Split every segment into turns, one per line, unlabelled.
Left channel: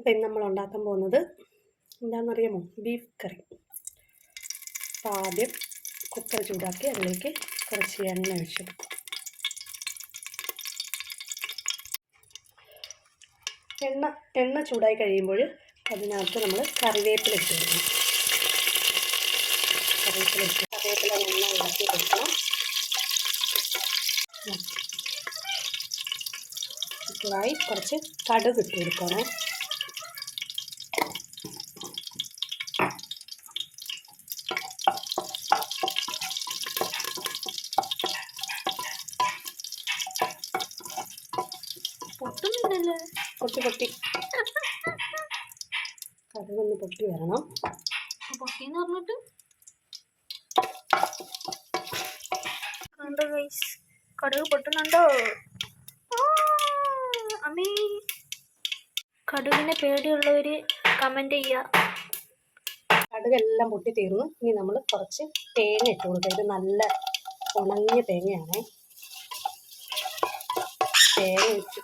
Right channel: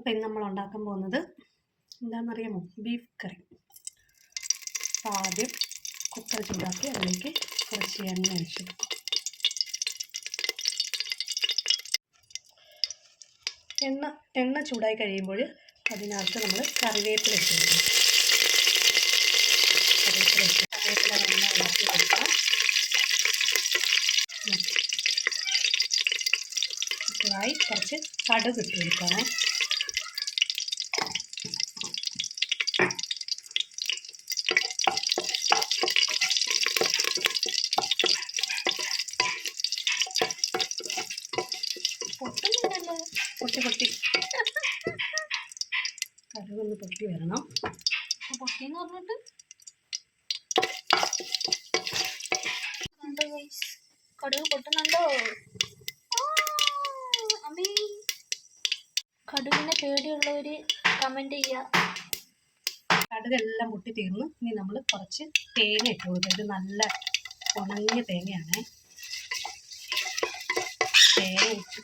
അപ്പോൾ ഇന്ന് നമ്മൾ ഉണ്ടാക്കാൻ പോകുന്നത് എന്താണെന്നറിയാമോ? ബീഫ് കറി അപ്പോൾ ആദ്യം കുക്കർ ചൂടാക്കി അതിലേക്ക് കുറച്ച് എണ്ണ ഒഴിച്ചു എണ്ണ എണ്ണ ചൂടായി കഴിയുമ്പോൾ അതിനകത്ത് നമ്മൾ കറിവേപ്പില ഇട്ട് കൊടുക്കണം. കറിവേപ്പില ഇട്ട് കറിവേപ്പില നന്നായി ഇളക്കി കൊടുക്കണം. ഇതായി കുറച്ച് കടുക് ഇട്ട് കൊടുക്കണം പൊട്ടി പൊട്ടി കടുകൊന്ന് പൊട്ടി വരണം.
പൊട്ടിന്ന് പറഞ്ഞിട്ട്? കണ്ടോ ഗൈസ് കടുക് പൊട്ടുന്നുണ്ടോ? അമ്മീ അമ്മേ. കടുകിനെ പേടിയുള്ളവര് കമന്റ് ചെയ്യുക
കടുകെല്ലാം പൊട്ടി തീർന്നു. ഇനി നമ്മൾ കുറച്ച് തേങ്ങ ഇട്ട് കൊടുക്കുക ഇത് നല്ല ഉണങ്ങിയ തേങ്ങയാണ്. തേങ്ങ ഇട്ട്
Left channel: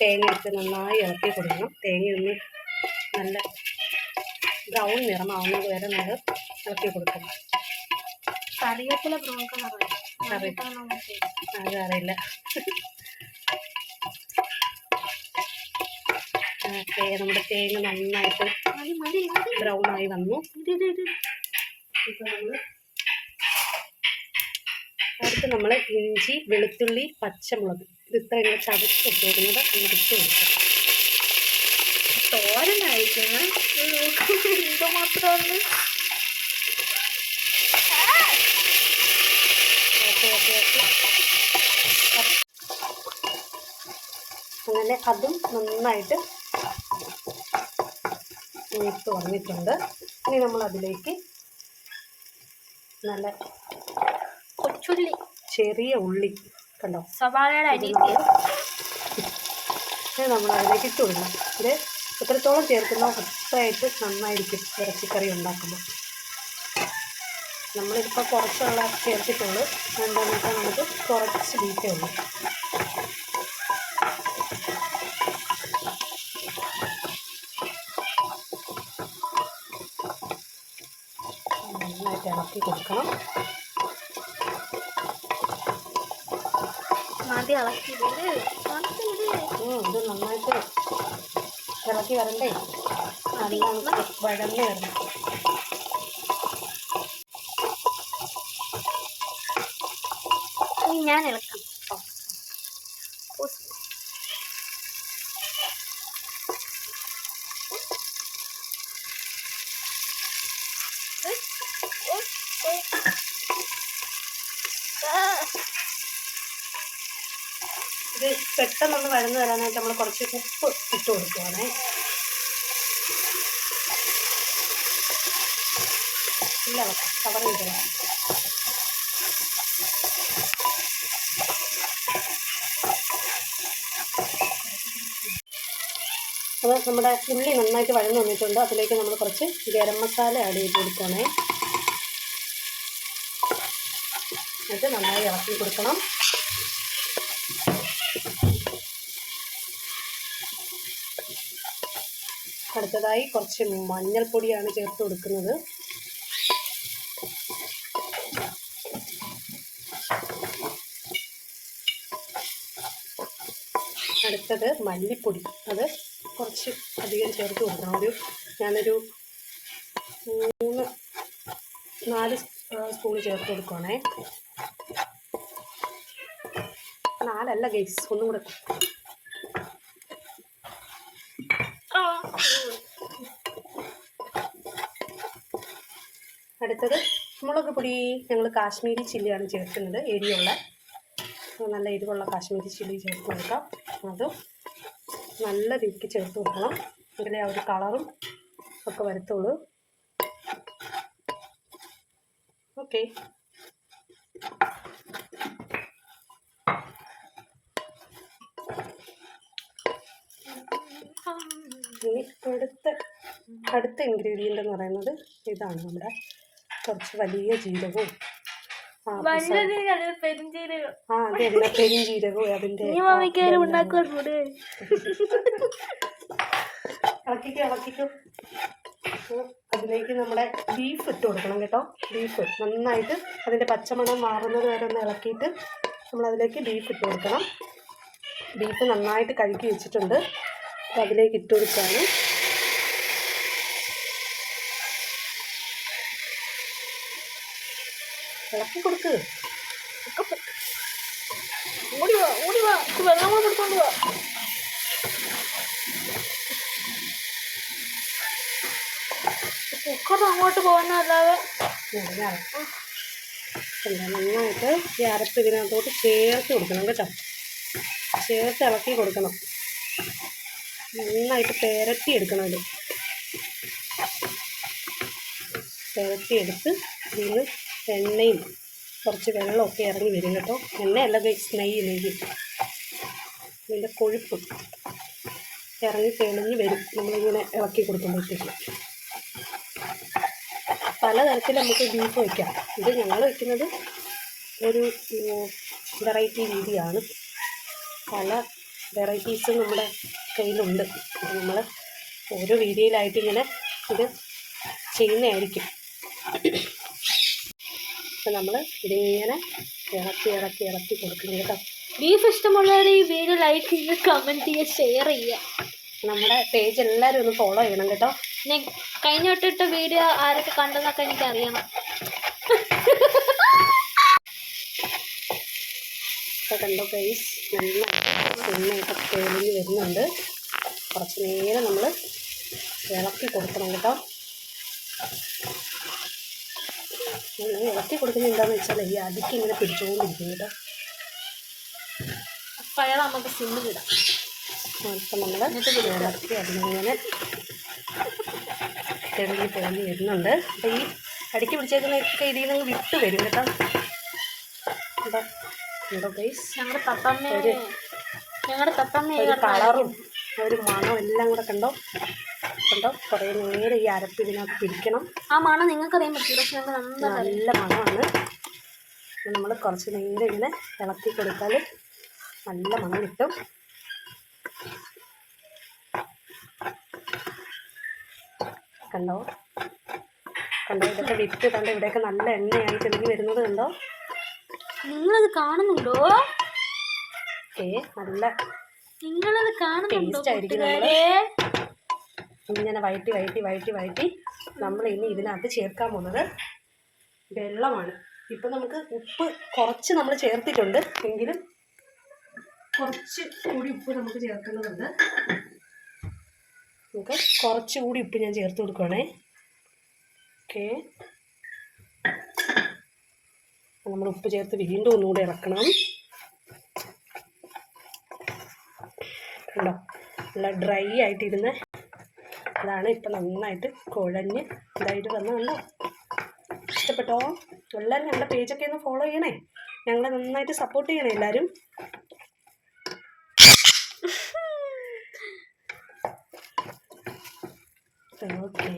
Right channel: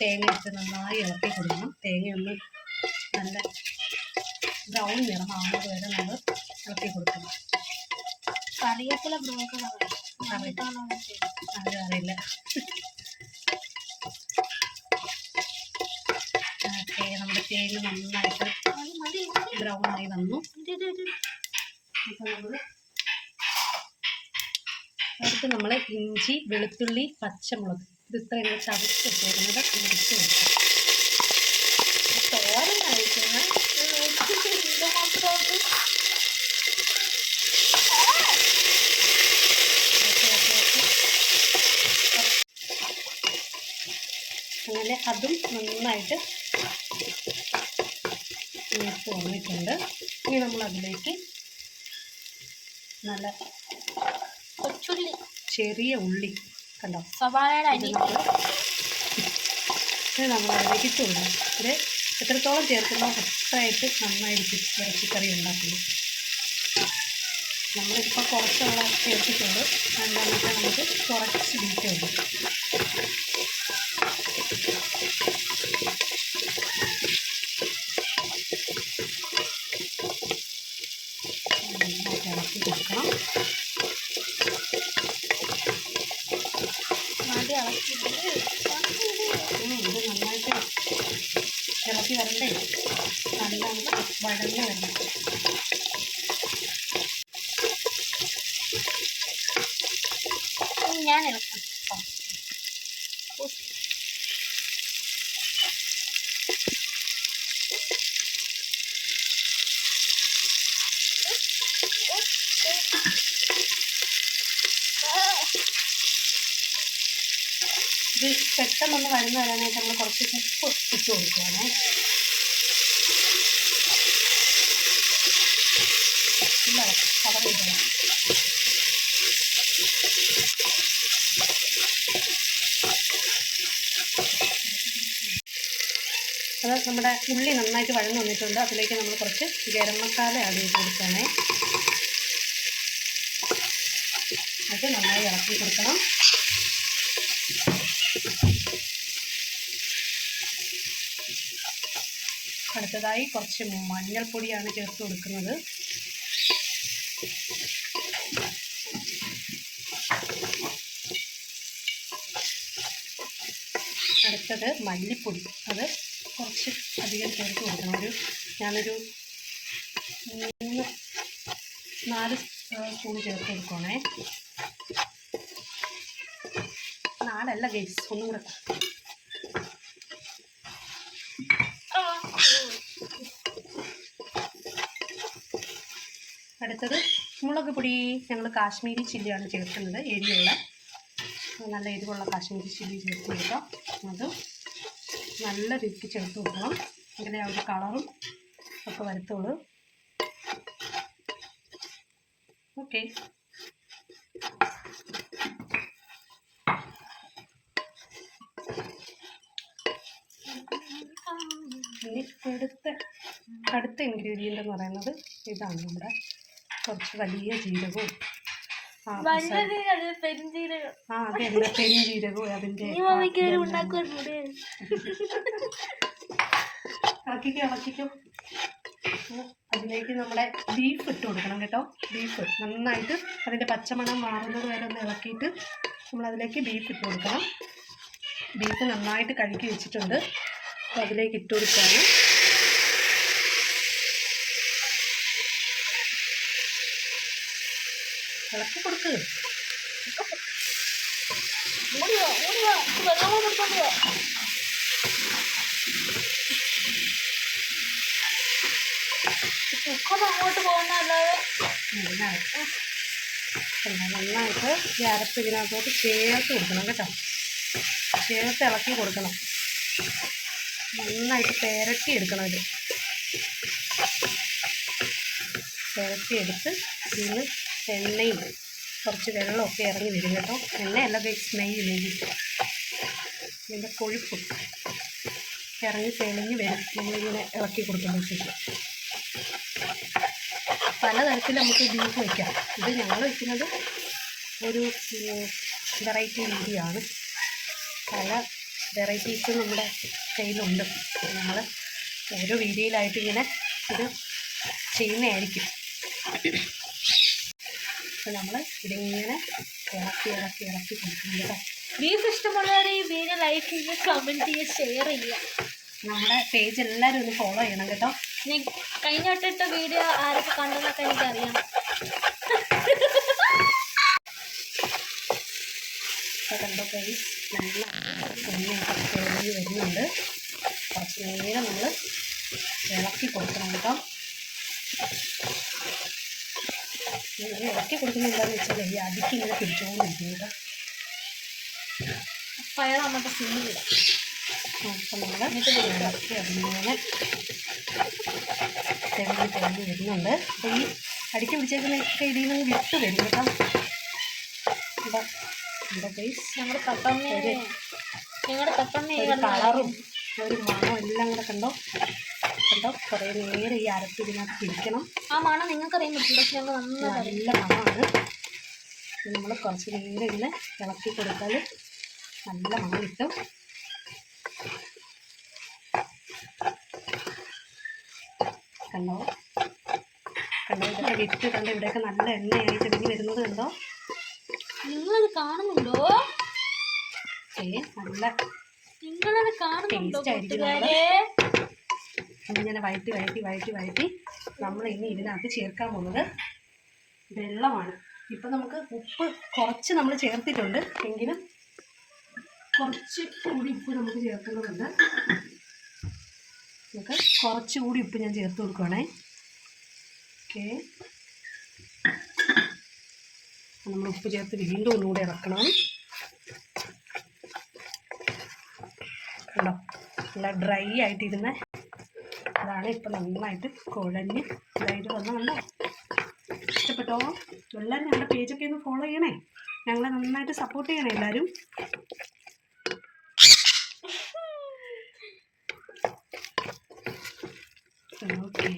തേങ്ങ ഇട്ട് നന്നായി ഇളക്കി കൊടുക്കണം. തേങ്ങയൊന്ന് നല്ല ബ്രൗൺ നിറമാവുന്നത് വരെ നമ്മൾ ഇളക്കി കൊടുക്കണം.
കറിയത്തില ബ്രൗൺ കളർ
കറി- അത് അറിയില്ല. ഓക്കെ നമ്മുടെ തേങ്ങ നന്നായിട്ട് ബ്രൗൺ ആയി വന്നു. ഇപ്പൊ ഇത് അടുത്ത് നമ്മൾ ഇഞ്ചി വെളുത്തുള്ളി പച്ചമുളക്. ഇത് ഇത്രയും കൂടെ ചതച്ച് വെച്ചേക്കുന്നത് ഇടിച്ച് കൊടുക്കാം
തോരൻ
ഓക്കെ അങ്ങനെ അതും നന്നായിട്ട് മൂത്ത് വന്നിട്ടുണ്ട് ഇനി നമ്മൾ അതിലേക്ക് നല്ല
കൊച്ചുള്ളി
ചെറിയ ഉള്ളി. കണ്ടോ?
സവാളയുടെ അരി
നമ്മൾ അതിലേക്ക് ഇട്ട് കൊടുക്കണം. ഇത് എത്രത്തോളം ചേർക്കുന്നോ അത്രയായിട്ട് നന്നായിരിക്കും ഇറച്ചിക്കറി ഉണ്ടാക്കുമ്പോൾ. നമ്മളിപ്പോൾ കുറച്ചുള്ള ചേർത്തിട്ടുള്ളൂ എന്താണെന്ന് വെച്ചാൽ നമുക്ക് കുറച്ച് ബീറ്റേ ഉള്ളൂ. നന്നായിട്ട് ഇളക്കി കൊടുക്കണം.
ഇളക്കിയിട്ടുണ്ട്.
ഉം, ഇത് നന്നായിട്ട് ഇളക്കി വരണ്ടേ? നല്ല വഴന്ന് വരണം.
ഞാൻ ഇളക്കാം
പെട്ടെന്നൊന്ന് വഴന്ന് വരാനായിട്ട് നമ്മൾ കുറച്ച് ഉപ്പ് ഇട്ട് കൊടുക്കുവാണേ. ഇല്ല കവർ ചെയ്തതാണ് അത് നമ്മുടെ ഉള്ളി നന്നായിട്ട് വഴന്ന് വന്നിട്ടുണ്ട്. അതിലേക്ക് നമ്മൾ കുറച്ച് ഗരം മസാല ആഡ് ചെയ്ത് കൊടുക്കണേ അത് നന്നായി ഇളക്കി കൊടുക്കണം. അടുത്തതായി കുറച്ച് മഞ്ഞൾപ്പൊടിയാണ് ചേർത്ത് കൊടുക്കുന്നത്. അടുത്തത് മല്ലിപ്പൊടി. അത് കുറച്ച് അധികം ചേർത്ത് കൊടുക്കണം. ഒരു ഞാനൊരു മൂന്ന് നാല് സ്പൂൺ ചേർത്ത് കൊടുക്കുവാണേ. നാലല്ല ഗൈസ് ഒന്നും കൂടെ. അടുത്തത് മുളക് പൊടി. ഞങ്ങൾ കാശ്മീരി ചില്ലിയാണ് ചേർക്കുന്നത്. എരിയുള്ള നല്ല എരിവുള്ള കാശ്മീരി ചില്ലി ചേർത്ത് കൊടുക്കാം. അതും നല്ല രീതിക്ക് ചേർത്ത് കൊടുക്കണം. എങ്കിലേ ആ ഒരു കളറും ഒക്കെ വരത്തുള്ളൂ. ഓക്കെ. ഇനി അടുത്ത അടുത്ത ഇൻഗ്രീഡിയന്റ് എന്ന് പറയുന്നത് ഇതാണ് നമ്മുടെ കുറച്ച് വലിയ ജീരകവും. ആ
വല്ലത് പെരിഞ്ചീരകം.
ആ അതെ അതിന്റെ പെരിഞ്ജീരകവും അതിന്റെ
നീ മാമിക്ക് ഒരു ഉണ്ടാക്കുന്നുണ്ട്
ഇളക്കിക്കോ ഇളക്കിക്കോ. അതിലേക്ക് നമ്മുടെ ബീഫ് ഇട്ട് കൊടുക്കണം കേട്ടോ. ബീഫ് നന്നായിട്ട് അതിന്റെ പച്ചമണം മാറുന്നത് വരെ ഒന്ന് ഇളക്കിയിട്ട് നമ്മൾ അതിലേക്ക് ബീഫ് ഇട്ട് കൊടുക്കണം. ബീഫ് നന്നായിട്ട് കഴുകി വെച്ചിട്ടുണ്ട്. അപ്പോൾ അതിലേക്ക് ഇട്ട് കൊടുക്കുകയാണ്. ഇളക്കി കൊടുക്ക്.
ഓടി വാ ഓടി വാ. ഇത് വെള്ളം കൂടെ എടുത്തോണ്ട് വാ. കുക്കർ അങ്ങോട്ട്
പോകുന്നതല്ലാതെ നന്നായിട്ട് ഈ അരപ്പ് ഇതിനകത്തോട്ട് ചേർത്ത് കൊടുക്കണം കേട്ടോ. ചേർത്ത് ഇളക്കി കൊടുക്കണം. നന്നായിട്ട് പെരട്ടി എടുക്കണം ഇത് എടുത്ത് ഇതിന് എണ്ണയും കുറച്ച് വെള്ളമൊക്കെ ഇറങ്ങി വരും കേട്ടോ. എണ്ണയല്ല നെയ്യ് ഇതിന്റെ കൊഴുപ്പ് ഇറങ്ങി തെളിഞ്ഞ് വരും. നമ്മളിങ്ങനെ ഇളക്കി കൊടുക്കുമ്പോഴത്തേക്ക്. പലതരത്തിൽ നമുക്ക് ബീഫ് വയ്ക്കാം ഇത് ഞങ്ങൾ വയ്ക്കുന്നത് ഒരു വെറൈറ്റി രീതിയാണ്. പല വെറൈറ്റീസ് നമ്മുടെ കയ്യിലുണ്ട്. നമ്മൾ ഓരോ വീഡിയോയിലായിട്ട് ഇങ്ങനെ ഇത് ചെയ്യുന്നതായിരിക്കും. അപ്പം നമ്മൾ ഇതിങ്ങനെ ഇളക്കി ഇളക്കി ഇളക്കി കൊടുക്കണം കേട്ടോ.
ബീഫ് ഇഷ്ടമുള്ളവർ ഈ വീഡിയോ ലൈക്ക് ചെയ്യുക കമന്റ് ചെയ്യുക ഷെയർ ചെയ്യുക.
നമ്മുടെ പേജ് എല്ലാവരും ഒന്ന് ഫോളോ ചെയ്യണം കേട്ടോ.
കഴിഞ്ഞ തൊട്ടിട്ട വീഡിയോ ആരൊക്കെ കണ്ടെന്നൊക്കെ എനിക്ക് അറിയണം
കണ്ടോ പേസ് നല്ല എണ്ണയൊക്കെ തെളിഞ്ഞ് വരുന്നുണ്ട്. കുറച്ച് നേരം നമ്മൾ ഇളക്കി കൊടുക്കണം കേട്ടോ. ഇളക്കി കൊടുക്കുന്നത് എന്താണെന്ന് വെച്ചാൽ ഈ അടിക്ക് ഇങ്ങനെ പിടിച്ചുകൊണ്ടിരിക്കും കേട്ടോ.
ഫയർ നമുക്ക് സിമ്മിൽ ഇടാം.
അപ്പം നമ്മൾ ഇളക്കി അതിങ്ങനെ തെളിഞ്ഞ് തെളിഞ്ഞ് വരുന്നുണ്ട്. അപ്പോൾ ഈ അടിക്ക് പിടിച്ചേക്കുന്ന ഇതിൽ നിന്ന് വിട്ട് വരും കേട്ടോ. കേട്ടോ ഉണ്ടോ ഗൈസ്
ഞങ്ങളുടെ തത്തമ്മ.
ഒരു
ഞങ്ങളുടെ തത്തമ്മ
ഒരു കളറും ഒരു മണം എല്ലാം കൂടെ കണ്ടോ? കണ്ടോ? കുറേ നേരം ഈ അരപ്പ് ഇതിനകത്ത് പിടിക്കണം.
ആ മണം നിങ്ങൾക്ക് അറിയാൻ പറ്റില്ല പക്ഷെ ഞങ്ങൾ
നല്ല മണമാണ്. നമ്മൾ കുറച്ച് നേരം ഇങ്ങനെ ഇളക്കി കൊടുത്താൽ നല്ല മണം കിട്ടും. കണ്ടോ? കണ്ടോ? ഇതൊക്കെ വിറ്റ് കണ്ടോ? ഇവിടെയൊക്കെ നല്ല എണ്ണയായി തെളിഞ്ഞ് വരുന്നത് കണ്ടോ?
നിങ്ങളത് കാണുന്നുണ്ടോ?
ഏ നല്ല
നിങ്ങളത് കാണുന്നുണ്ടോ
ഇങ്ങനെ വഴറ്റി വഴറ്റി വഴറ്റി വഴറ്റി നമ്മൾ ഇനി ഇതിനകത്ത് ചേർക്കാൻ പോകുന്നത് വെള്ളമാണ്. ഇപ്പം നമുക്ക് ഉപ്പ് കുറച്ച് നമ്മൾ ചേർത്തിട്ടുണ്ട്. എങ്കിലും കുറച്ച് കൂടി ഉപ്പ് നമുക്ക് ചേർക്കുന്നതുണ്ട്. നമുക്ക് കുറച്ച് കൂടി ഉപ്പ് ഞാൻ ചേർത്ത് കൊടുക്കുവാണേ. ഓക്കെ. നമ്മൾ ഉപ്പ് ചേർത്ത് വീണ്ടും ഒന്നുകൂടെ ഇറക്കണം കണ്ടോ? നല്ല ഡ്രൈ ആയിട്ടിരുന്ന അതാണ് ഇപ്പം നന്നായിട്ട് കുഴഞ്ഞ് ഇതായിട്ട് വന്ന കണ്ടോ? ഇഷ്ടപ്പെട്ടോ? എല്ലാവരും ഞങ്ങളുടെ പേജൊക്കെ ഒന്ന് ഫോളോ ചെയ്യണേ. ഞങ്ങളെ നന്നായിട്ട് സപ്പോർട്ട് ചെയ്യണേ എല്ലാവരും ഓക്കെ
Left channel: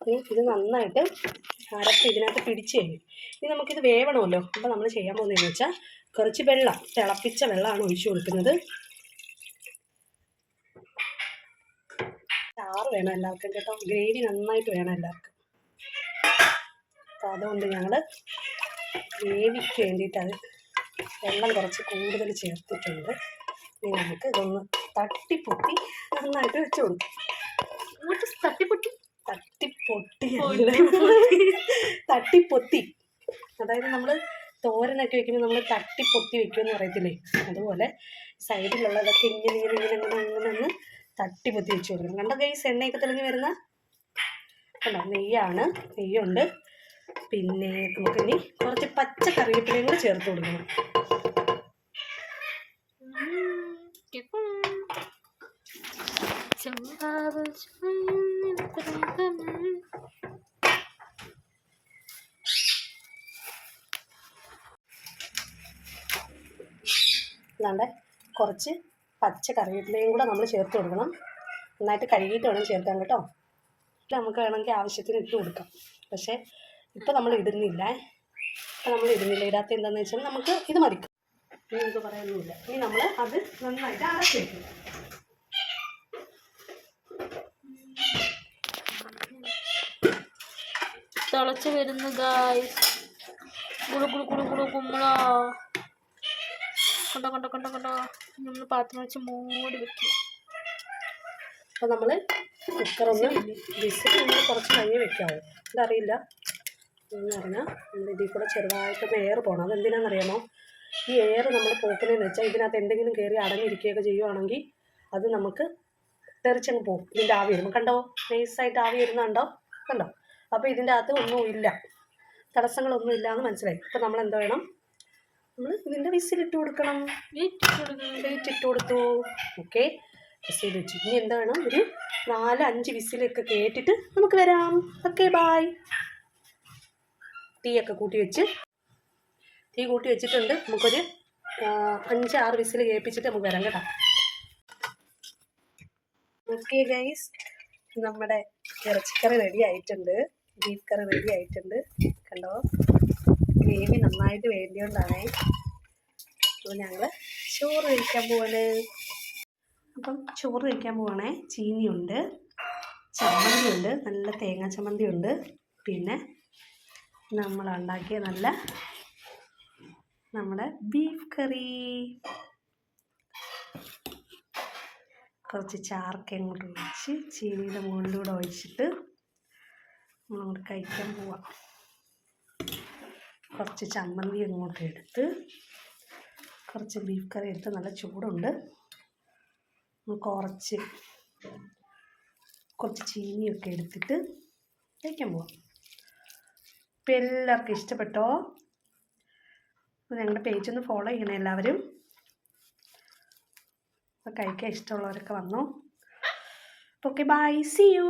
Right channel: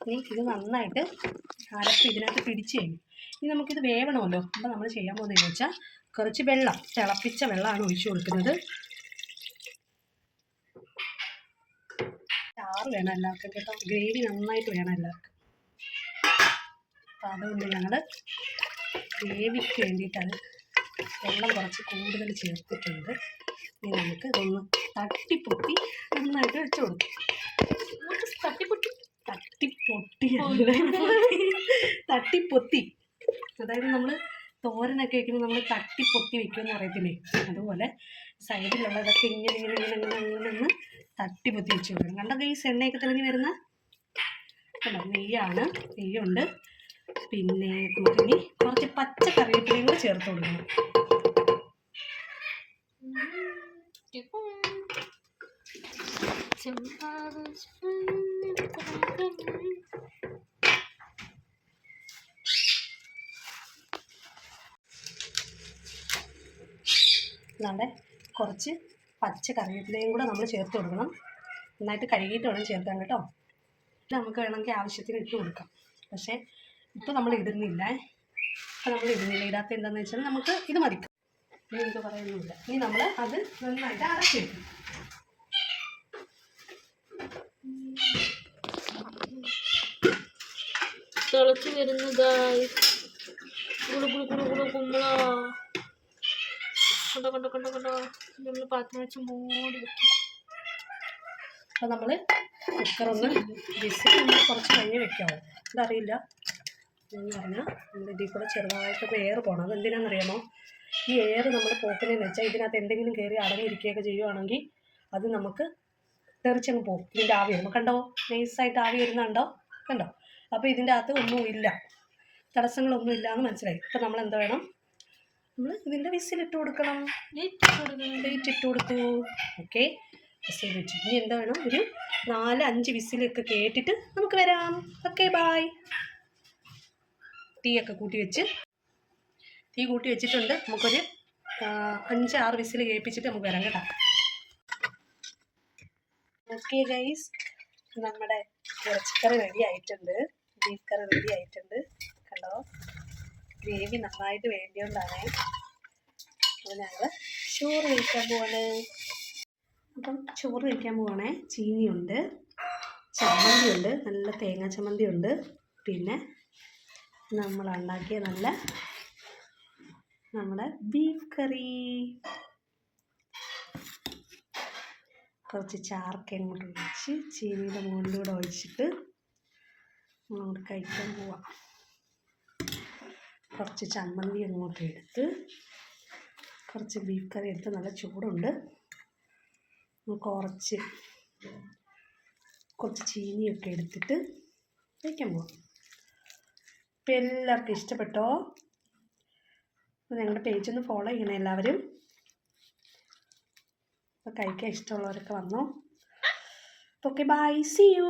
ഇനി ഇത് നന്നായിട്ട് അരപ്പ് ഇതിനകത്ത് പിടിച്ച് കഴിഞ്ഞു. ഇനി നമുക്കിത് വേവണമല്ലോ. അപ്പോൾ നമ്മൾ ചെയ്യാൻ പോകുന്നതെന്ന് വെച്ചാൽ കുറച്ച് വെള്ളം തിളപ്പിച്ച വെള്ളമാണ് ഒഴിച്ചു കൊടുക്കുന്നത്. ചാറ് വേണം എല്ലാവർക്കും കേട്ടോ. ഗ്രേവി നന്നായിട്ട് വേണം എല്ലാവർക്കും. അപ്പോൾ അതുകൊണ്ട് ഞങ്ങൾ ഗ്രേവിക്ക് വേണ്ടിയിട്ടത് വെള്ളം കുറച്ച് കൂടുതൽ ചേർത്തിട്ടുണ്ട്. ഇനി നമുക്ക് ഇതൊന്ന് തട്ടിപ്പൊത്തി നന്നായിട്ട് വെച്ച് കൊടുക്കും.
തട്ടിപ്പൊട്ടി
തട്ടി തട്ടിപ്പൊത്തി അതായത് നമ്മൾ തോരനൊക്കെ വെക്കുമ്പോൾ നമ്മൾ തട്ടിപ്പൊത്തി വെക്കുമെന്ന് പറയത്തില്ലേ അതുപോലെ സൈഡിലുള്ളതൊക്കെ ഇങ്ങനെ ഇങ്ങനെ ഇങ്ങനെ ഇങ്ങനെ അങ്ങനെ ഒന്ന് തട്ടിപ്പൊത്തി വെച്ച് കൊടുക്കണം കണ്ടൊക്കെ ഗൈസ് എണ്ണയൊക്കെ തെളിഞ്ഞ് വരുന്ന കണ്ടോ നെയ്യാണ് നെയ്യുണ്ട് പിന്നെ നമുക്കിനി കുറച്ച് പച്ച കറിവേപ്പിലയും കൂടെ ചേർത്ത് കൊടുക്കണം
ചെമ്പാവ്
അല്ലാണ്ട് കുറച്ച് പച്ച കറിവേപ്പിലയും കൂടെ നമ്മൾ ചേർത്ത് കൊടുക്കണം. നന്നായിട്ട് കഴുകിയിട്ട് വേണം ചേർക്കാൻ കേട്ടോ. നമുക്ക് വേണമെങ്കിൽ ആവശ്യത്തിന് ഇട്ട് കൊടുക്കാം. പക്ഷേ ഇപ്പോൾ നമ്മൾ ഇടുന്നില്ല. അപ്പോൾ നമ്മൾ ഇടുന്നില്ല. ഇടാത്ത എന്താണെന്ന് വെച്ചാൽ നമുക്ക് ഇത് മതി. ഇനി നമുക്ക് പറയുന്നില്ല ഇനി നമ്മൾ അത് നന്നായിട്ട് അടച്ചിരിക്കും
തിളച്ച് വരുന്നതായി. കുളു കുളു കുളു കുളു കുമ്പള കണ്ട കൊണ്ടോ കൊണ്ടോ കൊണ്ടോ. നമ്മൾ പാത്രം വെച്ച് മൂടി വെക്കുക
അപ്പോൾ നമ്മൾ കുക്കറൊന്ന് വിസിൽ നമ്മൾ കുറച്ച് കഴിഞ്ഞ് വെക്കാവും. അതറിയില്ല എന്ന് പറഞ്ഞാൽ നമ്മൾ ഇതിൽ കൂടെ ചെറുതായിട്ടൊന്ന് എയർ പോകണം അതെന്തിനാണെന്നറിയാമോ? ഈ എയർ നമ്മൾ പോക്കുന്നതെന്ന് വെച്ചാൽ ഇതിനകത്ത് എന്തെങ്കിലും കയറി അടങ്ങിയിരിക്കുകയൊക്കെ ചെയ്യുവാണെങ്കിൽ അത് നമുക്ക് തെറിച്ചങ്ങ് പോകും ഇതിന്റെ ആവി വരുമ്പോൾ കണ്ടോ? നൈസായിട്ട് ആവി വരുന്നുണ്ടോ കണ്ടോ? അപ്പോൾ ഇതിന്റെ അകത്ത് ഒന്നുമില്ല. തടസ്സങ്ങളൊന്നും ഇല്ല എന്ന് മനസ്സിലായി. അപ്പോൾ നമ്മൾ എന്ത് വേണം? നമ്മൾ ഇതിന്റെ വിസിലിട്ട് കൊടുക്കണം. വെയിറ്റ് ഇട്ട് കൊടുത്തു. ഓക്കെ വിസിൽ വെച്ചു. ഇനി എന്താ വേണം? ഒരു നാല് അഞ്ച് വിസിലൊക്കെ കേട്ടിട്ട് നമുക്ക് വരാം. ഓക്കെ ബായ് തീ ഒക്കെ കൂട്ടി വെച്ച്. തീ കൂട്ടി വെച്ചിട്ടുണ്ട്. നമുക്കൊരു അഞ്ച് ആറ് വിസിൽ കേൾപ്പിച്ചിട്ട് നമുക്ക് വരാം കേട്ടോ. ഓക്കെ ഗൈസ് നമ്മുടെ ഇറച്ചിക്കറി റെഡി ആയിട്ടുണ്ട്. ബീഫ് കറി റെഡി ആയിട്ടുണ്ട്. കണ്ടോ? ഗ്രേവി നന്നായിട്ട് വേണ്ടിയോണ്ടാണേ അപ്പോൾ ഞങ്ങൾ ചോറ് കഴിക്കാൻ പോവാണ്. അപ്പം ചോറ് കഴിക്കാൻ പോവാണേ. ചീനിയുണ്ട് ചമ്മന്തിയുണ്ട് നല്ല തേങ്ങാ ചമ്മന്തി ഉണ്ട് പിന്നെ നമ്മൾ ഉണ്ടാക്കിയ നല്ല നമ്മുടെ ബീഫ് കറി. കുറച്ച് ചാർക്ക് അങ്ങോട്ട് ഒഴിച്ച് ചീനിയുടെ മുകളിലൂടെ ഒഴിച്ചിട്ട് നമ്മളങ്ങോട്ട് കഴിക്കാൻ പോവാം. കുറച്ച് ചമ്മന്തി അങ്ങോട്ട് എടുത്ത് കുറച്ച് ബീഫ് കറി എടുത്ത് നല്ല ചൂടുണ്ട്. കുറച്ച് കുറച്ച് ചീനിയൊക്കെ എടുത്തിട്ട് കഴിക്കാൻ പോവാം. ഇപ്പം എല്ലാവർക്കും ഇഷ്ടപ്പെട്ടോ? ഞങ്ങളുടെ പേജ് ഒന്ന് ഫോളോ ചെയ്യണേ എല്ലാവരും. അപ്പോൾ കഴിക്കാൻ ഇഷ്ടമുള്ളവരൊക്കെ വന്നോ. Okay bye C U